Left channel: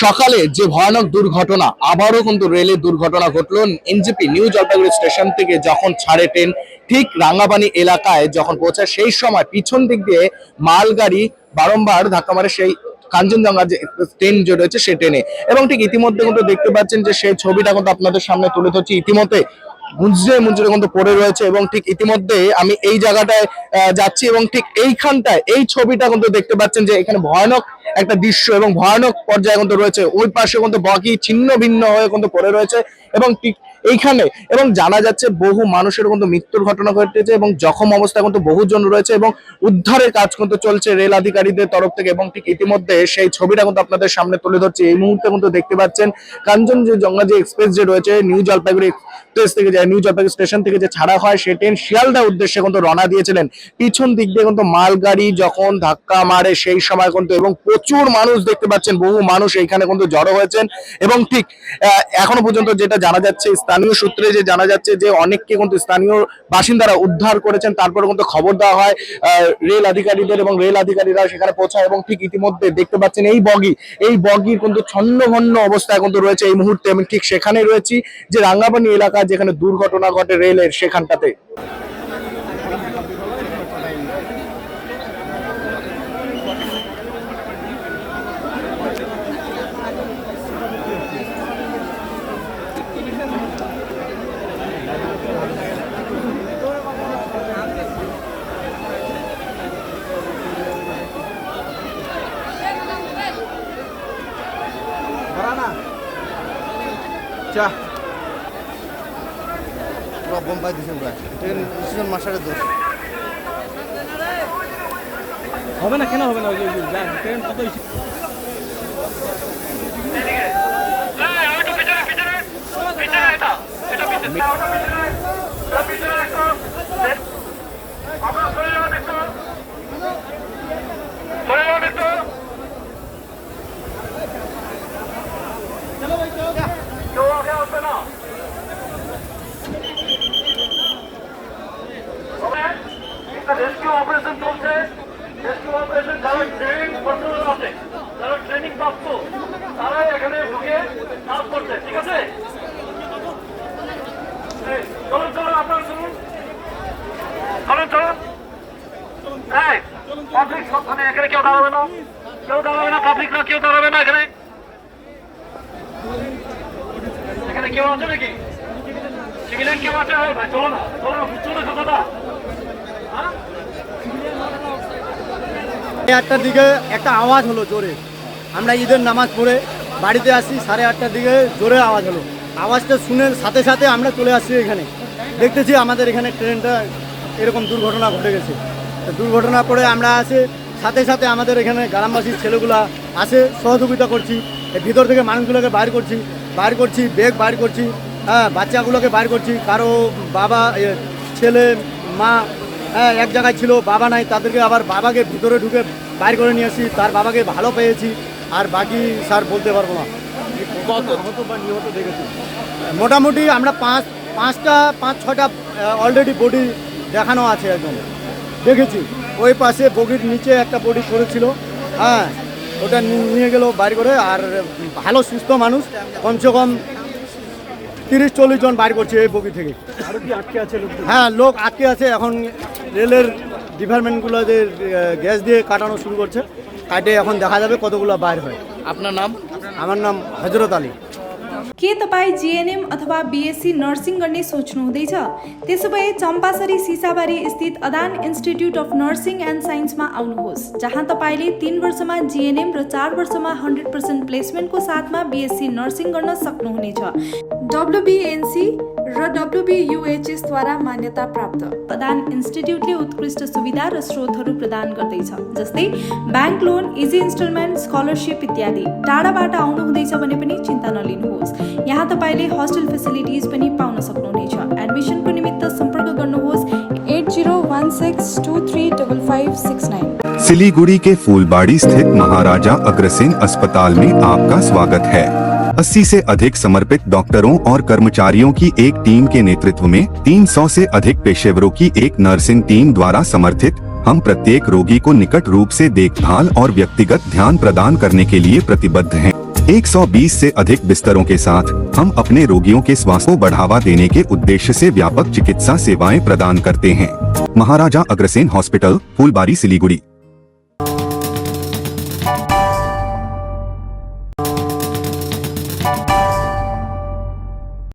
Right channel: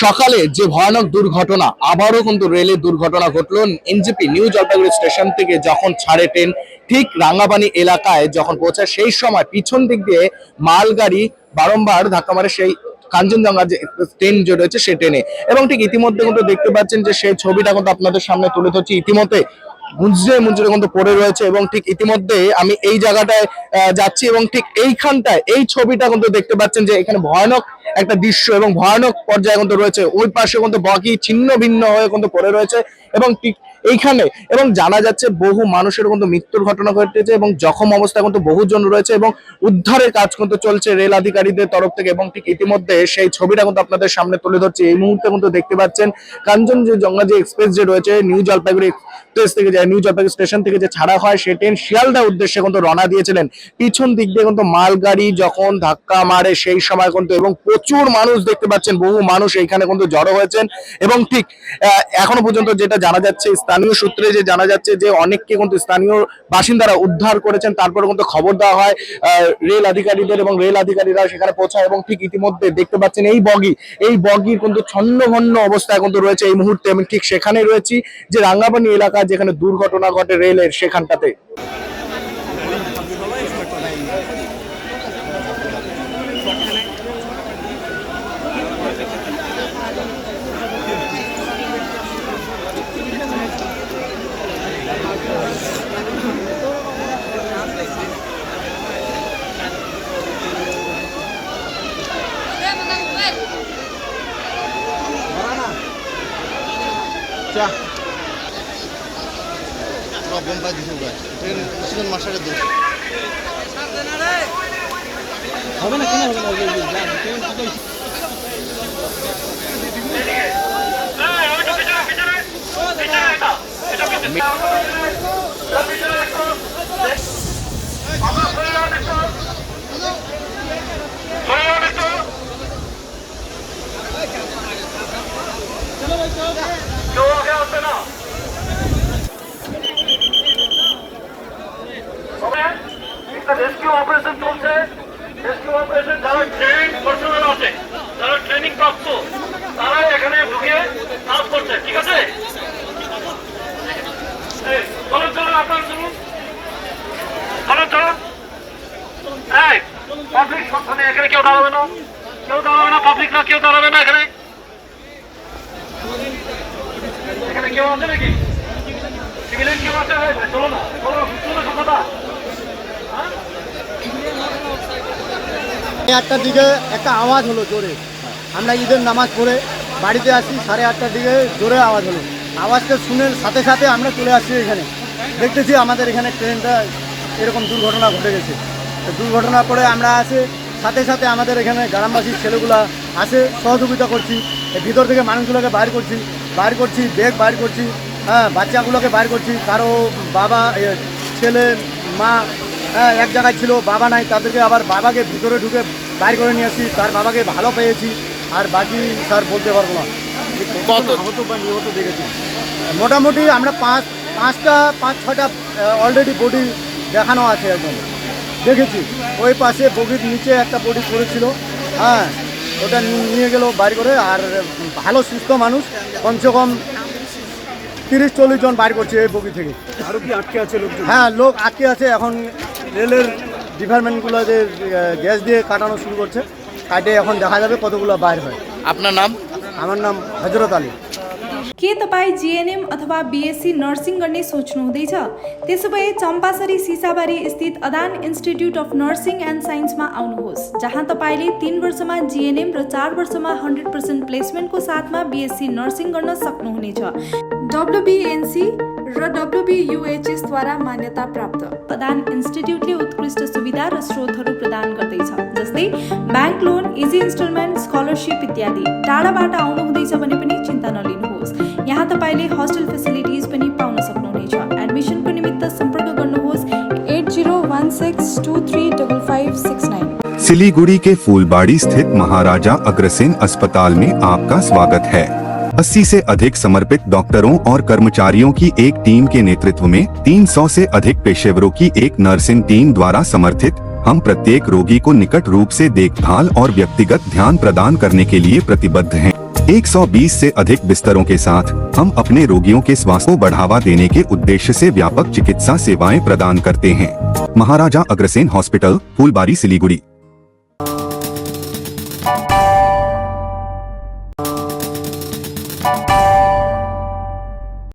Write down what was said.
সকালে যে ভয়ানক দুর্ঘটনা, আবারও কিন্তু রেলের দুর্ঘটনা ঘটলো। এনজেপি নিউ জলপাইগুড়ি স্টেশন থেকে যখন ছাড়ে ট্রেন, ঠিক রাঙ্গাপানি এলাকায় যখন পৌঁছায় সেই সময় পিছন দিক দিয়ে মালগাড়ি বারংবার ধাক্কা মারে সেই কাঞ্চনজঙ্ঘা যে ট্রেন যে রয়েছে সেই ট্রেনে। এবং ঠিক ইতিমধ্যে কিন্তু দেখতে পাচ্ছেন যে সেই ছবিটা কিন্তু আপনাদের সামনে তুলে ধরছি। ইতিমধ্যে মুঞ্জরে মুঞ্জরে কিন্তু পড়ে রয়েছে এবং ঠিক ইতিমধ্যে আমি এই জায়গাটায় যাচ্ছি এবং ঠিক এইখানটায় এই ছবিটা কিন্তু দেখতে পাচ্ছেন যে এখানে ভয়ানক একটা দৃশ্য এবং ভয়ানক পর্যায়ে কিন্তু রয়েছে। ওই পাশে কিন্তু বগি ছিন্ন ভিন্ন হয়ে কিন্তু পড়ে রয়েছে এবং ঠিক এইখানে এবং জানা যাচ্ছে বহু মানুষের কিন্তু মৃত্যুর ঘটনা ঘটেছে এবং জখম অবস্থায় কিন্তু বহুজন রয়েছে এবং উদ্ধারের কাজ কিন্তু চলছে রেল আধিকারিকদের তরফ থেকে। এবং ঠিক ইতিমধ্যে সেই ছবিটা কিন্তু আপনাদের সামনে তুলে ধরছি। এই মুহূর্তে কিন্তু দেখতে পাচ্ছেন কাঞ্চনজঙ্ঘা যে এক্সপ্রেস যে রয়েছে নিউ জলপাইগুড়ি এক্সপ্রেস থেকে যায় নিউ জলপাইগুড়ি স্টেশন থেকে যে ছাড়া হয় সেই ট্রেন শিয়ালদা উদ্দেশ্যে কিন্তু রওনা দিয়েছিলেন। পিছন দিক দিয়ে কিন্তু মালগাড়ি যখন ধাক্কা মারে সেই সময় কিন্তু এবং প্রচুর মানুষ দেখতে পাচ্ছেন, বহু মানুষ এইখানে কিন্তু জড়ো হয়েছেন। এবং ঠিক এখনো পর্যন্ত যেটা জানা যাচ্ছে, স্থানীয় সূত্রে যে জানা যাচ্ছে যে অনেককে কিন্তু স্থানীয় বাসিন্দারা উদ্ধার করেছেন, তারপরে কিন্তু খবর দেওয়া হয় রেল আধিকারিকদের এবং রেল আধিকারিকরা সেখানে পৌঁছায়। এবং ঠিক ইতিমধ্যে দেখতে পাচ্ছেন এই বগির কিন্তু ছন্নভন্ন অবস্থায় কিন্তু রয়েছে এই মুহূর্তে। আমি ঠিক সেখানে রয়েছি যে রাঙ্গাপানি এলাকা যেখানে দুর্ঘটনা ঘটে রেলের সেখানটাতে। হবে না, কেন হবে না? রেস্কিউ অপারেশন চলছে। রেস্কিউ অপারেশন যারা ট্রেনিং পার্সোনাল আছে, যারা ট্রেনিং প্রাপ্ত, তারা এখানে ঢুকে কাজ করছে। ঠিক আছে, চলুন চলুন, আপনারা চলুন, চলুন চলুন। পাবলিক সবখানে এখানে কেউ দাঁড়াবে না, কেউ দাঁড়াবে না, পাবলিকরা কেউ দাঁড়াবে না এখানে। এখানে কেউ আছে নাকি? সিভিলিয়ান কেউ আছে? চলো না, চলো না কথাটা। আটটার দিকে একটা আওয়াজ হলো জোরে। আমরা ঈদের নামাজ পড়ে বাড়িতে আসি, 8:30টার দিকে জোরে আওয়াজ হলো। আওয়াজটা শুনে সাথে সাথে আমরা চলে আসছি এখানে। দেখতেছি আমাদের এখানে ট্রেনটা এরকম দুর্ঘটনা ঘটে গেছে। তো দুর্ঘটনা করে আমরা আসি, সাথে সাথে আমাদের এখানে গ্রামবাসীর ছেলেগুলা আসে, সহযোগিতা করছি। ভিতর থেকে মানুষগুলোকে বাইর করছি, ব্যাগ বাইর করছি, হ্যাঁ, বাচ্চাগুলোকে বাইর করছি। কারো বাবা, ছেলে, মা এক জায়গায় ছিল, বাবা নাই, তাদেরকে আবার বাবাকে ভিতরে ঢুকে বাইর করে নিয়ে আসি। তার বাবাকে ভালো পেয়েছি, আর বাকি স্যার বলতে পারবো না। কত নিহত দেখেছি মোটামুটি আমরা 5-6টা অলরেডি বডি দেখানো আছে। একদম দেখেছি ওই পাশে বগির নিচে একটা বডি পড়েছিল, হ্যাঁ, ওটা নিয়ে গেল বাইর করে। আর ভালো সুস্থ মানুষ কমসে কম 30-40 জন বাইর করছে এই বগি থেকে। আরো কি আটকে আছে? হ্যাঁ, লোক আটকে আছে। এখন রেলের ডিপার্টমেন্টগুলো যে গ্যাস দিয়ে কাটানো শুরু করছে, কাটে এখন দেখা যাবে কতগুলো বাইর হয়। আপনার नाम? আমার नाम हजरत अली। के तपाईँ जीएनएम अथवा बीएससी नर्सिङ गर्ने सोच्नुहुँदैछ? त्यसो भए चम्पासरी सिसाबारी स्थित अदान इन्स्टिट्युट अफ नर्सिङ एन्ड साइन्समा आउनुहोस्, जहाँ तपाईँले 3 वर्षमा जीएनएम र 4 वर्षमा 100% प्लेसमेन्टको साथमा बीएससी नर्सिङ गर्न सक्नुहुनेछ। WBNC र WBUHS द्वारा मान्यता प्राप्त अदान इन्स्टिट्युटले उत्कृष्ट सुविधा र स्रोतहरू प्रदान गर्दैछ, जस्तै bank loan, easy instalment, scholarship इत्यादि। टाढाबाट आउनुहुँदैछ भने पनि चिन्ता नलिनुहोस्, यहाँ तपाईँले हस्टेल फेसिलिटिज पनि पाउन सक्नुहुनेछ। एडमिसनको निमित्त सम्पर्क गर्नुहोस् 8016235569। सिलीगुड़ी के फूलबाड़ी स्थित महाराजा अग्रसेन अस्पताल में आपका स्वागत है। 80 से अधिक समर्पित डॉक्टरों और कर्मचारियों की एक टीम के नेतृत्व में 300 से अधिक पेशेवरों की एक नर्सिंग टीम द्वारा समर्थित हम प्रत्येक रोगी को निकट रूप से देखभाल और व्यक्तिगत ध्यान प्रदान करने के लिए प्रतिबद्ध हैं। 120 से अधिक बिस्तरों के साथ हम अपने रोगियों के स्वास्थ्य को बढ़ावा देने के उद्देश्य से व्यापक चिकित्सा सेवाएं प्रदान करते हैं। महाराजा अग्रसेन हॉस्पिटल, फूलबारी, सिलीगुड़ी।